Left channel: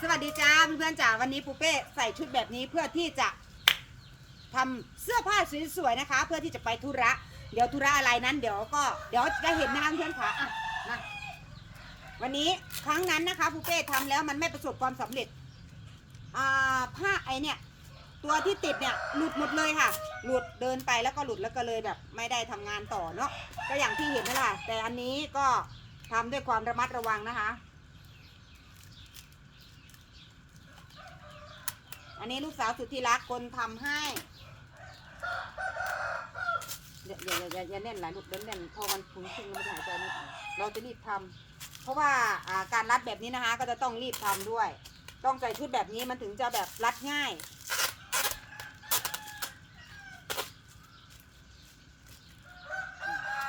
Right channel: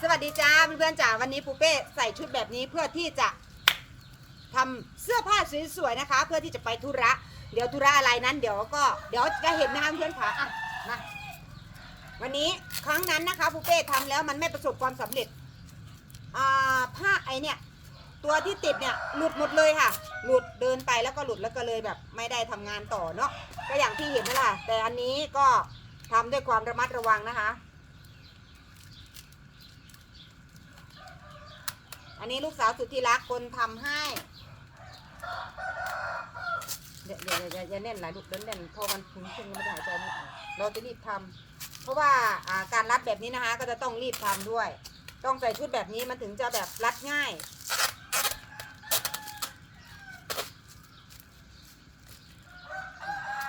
สวัสดีจ้าเพื่อนๆจ๋าวันนี้ปูเป้ใส่ชุดแบบนี้เพื่อที่จะทำเสื้อผ้าสวยๆนะคะ เพื่อที่จะไปธุระเดี๋ยวธุระอะไรนั้นเดี๋ยวก็เดี๋ยวจะเห็นนะคะเพื่อนๆค่ะอะมาวันนี้ครั้งนั้นนะคะปูเป้ทำแล้วมันไม่ประสบความสำเร็จอ่าผ้าไอเนี่ยตัวที่ติดเนี่ยหลุดหมดเลยค่ะ หลุดเดินไปแล้วก็หลุดแล้วก็เลยแบบ ไม่ได้ทำงานต่อเนาะก็อย่างที่เห็นนั่นแหละแต่อันนี้ก็ทำด้วยความระมัดระวังนะคะ นนี้ลูกสาวสุดที่รักคนทำให้เดี๋ยวเดี๋ยวเดี๋ยวอย่าเน่นหลายลูกเด่นเน่นพอมันคุ้นชินแล้วไม่ได้หายใจไม่ออกเราจะรีบทำเพราะว่าการรัดแบบนี้นะคะ ก็จะต้องรีบทำด้วย ต้องใส่ชุดแบบนี้มันถึงจะแบบรัดง่าย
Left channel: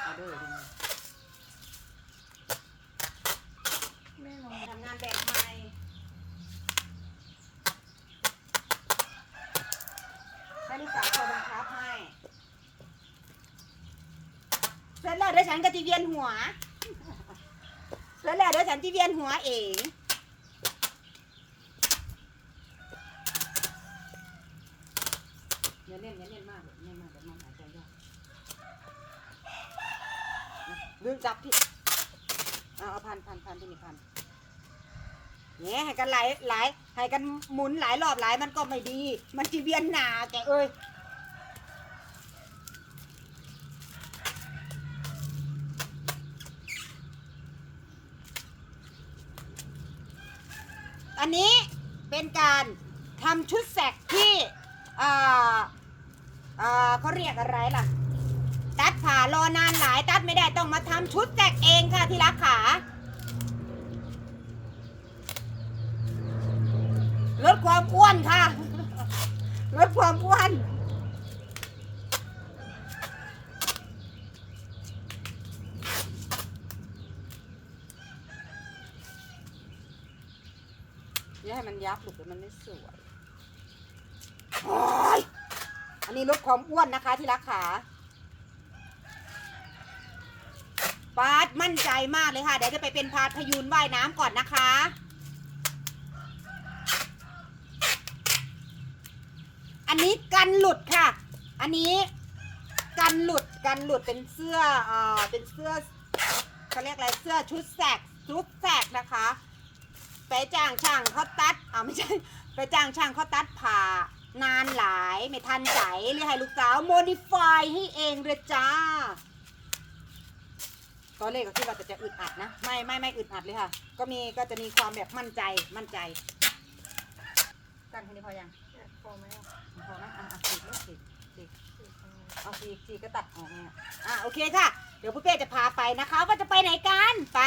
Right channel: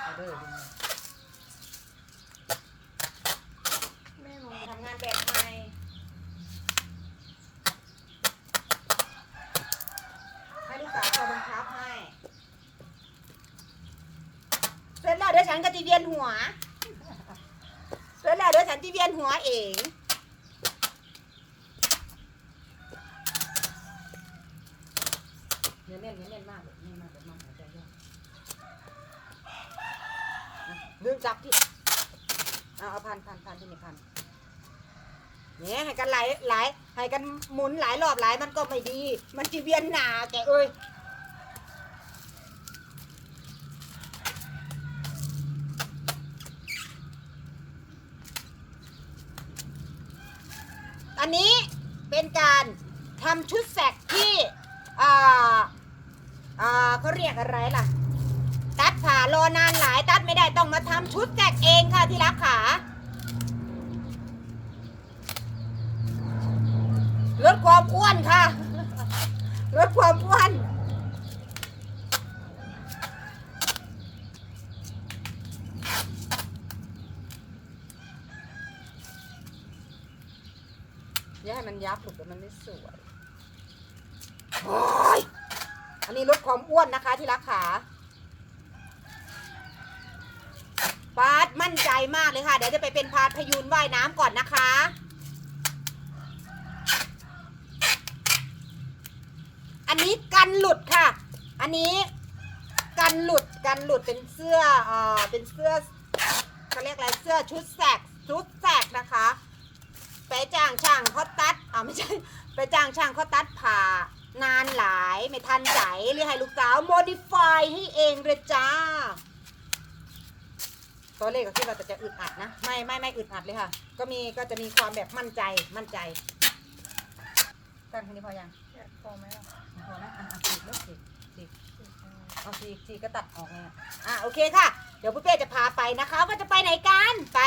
เอาเด้อดูนะแม่ลงทำงานแบบใหม่ ให้ลูกสาวคนบังคับให้ เสร็จแล้วเดี๋ยวฉันก็จะเวียนหัวเสร็จแล้วเดี๋ยวฉันจะเวียนหัวเองเนื้อเน่นเนื้อเน่นมากเลยเน่นมากเลยมากหายใจยากดึงจับที่เอาเอาพันพันพันที่นี่พันเนี่ยให้กันหลายหลายให้กันหมุนหลายรอบหลายมันก็ไม่ดี มันจะเวียนหนาแกเอ้ย อันนี้เป็นการทำชุดแสกที่เขาเรียกอะไรล่ะ ตัดขารอนานหลายตัดไม่ได้ต้องมาทำชุดแสกเองค่ะที่รักขาลดความอ้วนค่ะ ลดความอ้วน อย่าให้มันยับหลุดแล้วมันไม่สวยอันนี้ลดความอ้วนนะคะที่รักขาปาดมั่นใจมากเลยค่ะ เดี๋ยวจะไปเป็นพาดพยูนว่ายน้ำก่อนนะคะ อันนี้กันหลุดค่ะ อันนี้กันหลุดกันหลุดเป็นเสื้อเอ่อเป็นเสื้อเขาเรียกอะไรเสื้อชุดแสกชุดแสกนะคะ ไปจ้างช่างเขาตัดอ่าไม่ใช่ไปจ้างช่างเขาตัดผ่านานหลายไม่ทันใจเลยให้ลูกสาวโมดิฟายให้เองเลยจ้าตอนแรกก็คิดว่าจะอึดอัดนะ ไม่ไม่ไม่อึดอัดเลยค่ะ ก็มีก็จะมีความแบบมั่นใจมั่นใจกันทีนี้พอยังพอไหมพอนะอะอะฉีกสีกฉีกเอาฉีกสีก็ตัดออกเนี่ยอะโอเคค่ะ เดี๋ยวพี่เป้จะพาไปนะคะ ว่าจะไปไหนกันไป